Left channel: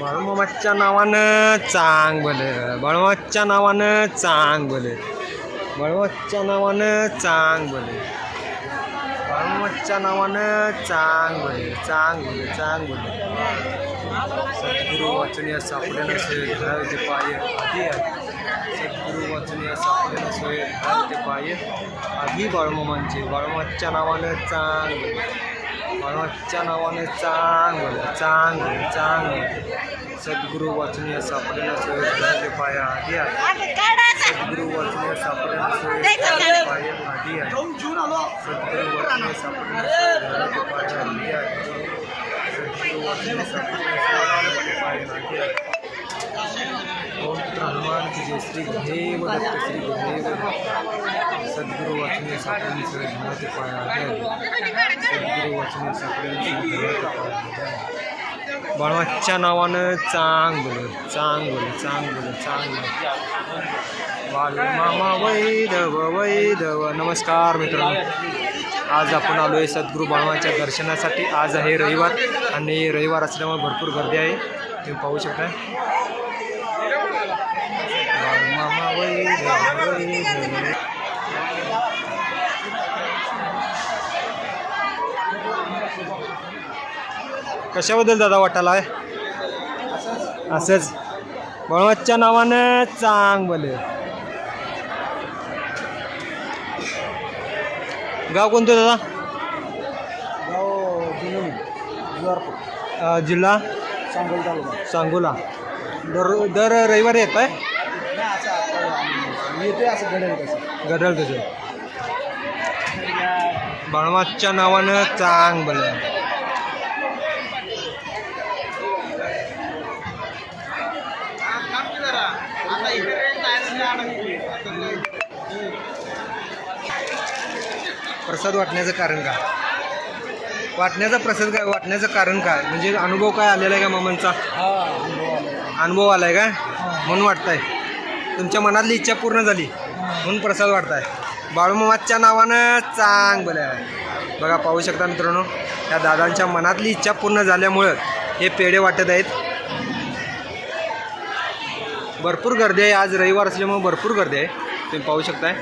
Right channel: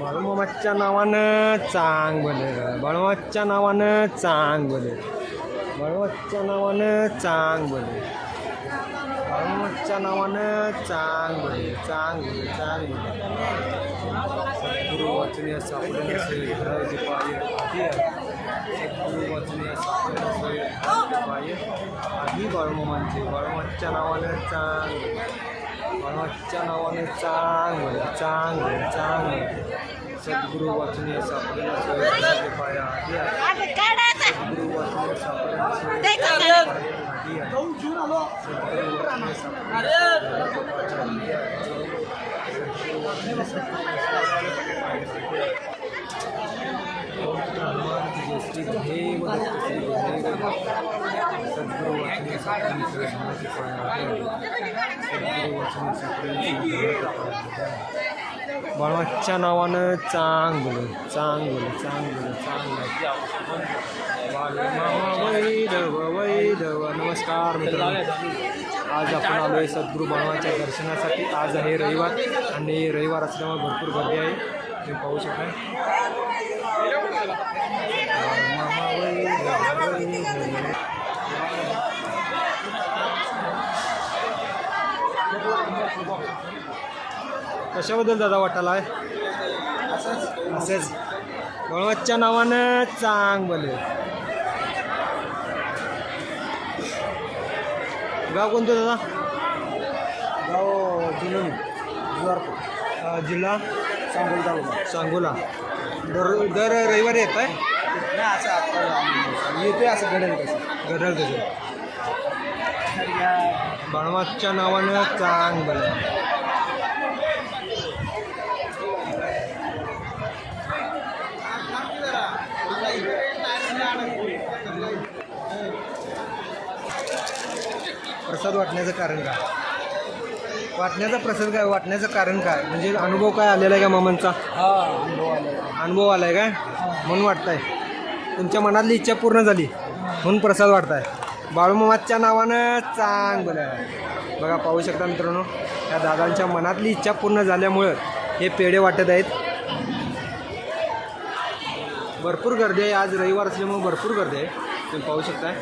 बाळूमामाच्या नावानं चांग भले बाळूमाच्या नावानं चांग भले बाळूमाच्या नावानं चांग भले बाळूमाच्या नावानं चांग भले चांग भले चांग भले सद्गुरु वाचनीय सापडे नसे धरावे ते पाय. आधी आहे सद्गुरु वाचनीय सापडे नसे धरावे ते पाय. आधी बाळूमामांचे बाळूमाच्या नावानं चांग भले बाळूमाच्या नावाने चांग भले चांग भले चांग भले सद्गुरु वाचनीय सापडेला सोय धरावे ते आधी आहे. सद्गुरु वाचनीय सापडेला सोय धरावे ते आधी आहे. सद्गुरु वाचनीय सापडेला नसे आधी आहे. सद्गुरु वाचनीय सापडे नसे आधी आहे. ओम हनुमान की जय श्री गुरुदेव दत्त श्री गुरुदेव सद्गुरु वाचनीय सापडे नसे धरावे ते पाय आधी आहे सद्गुरु बाळवाच्या नावानं चांग चांगलं चांग चांगलं. चांग बाल मामा वैदव वैदव नमस्कार मित्रांनो. आज आपण आलो आहे सद्गुरू बाळवाच्या दर्शनासाठी. आज आहे रविवार आणि रविवार असल्यामुळे भरपूर गर्दी आहे. तुम्ही पाहू शकता बाळ मामा वैदव वैदव कशाबद्दल दादा वाटायला आहे असंच. बळवतच्या नावानं चांग बोले गाव कोणतं दादा? गाव अं, जिल्हा? सांगोल तालुका. सांगोला. दर दर रविवारी येत आहे? असं येते असं घडेल कसं बाळमाच्या नावानं चांग बोले प्रसाद वाटण्याचं कारण काय? वाटण्याचा प्रसाद काय? वाटण्याचं कारण काय? म्हणजे अनुभव काय आलेला आहे का मामांचा? हा अनुभव आला अनुभव आलाय काय? म्हणून वाटताय. तुमच्या मनातली इच्छा पूर्ण झाली म्हणून प्रसाद वाटताय. बाळूमामाच्या नावानं चांग बरं आहे बघा पाहू शकता मित्रांनो या दादांच्या मनातली इच्छा पूर्ण झाल्यामुळं हे पेढे वाटत आहेत. भरपूर गर्दी आहे. आज रविवार असल्यामुळे भरपूर गर्दी आहे. तुम्ही पाहू शकताय.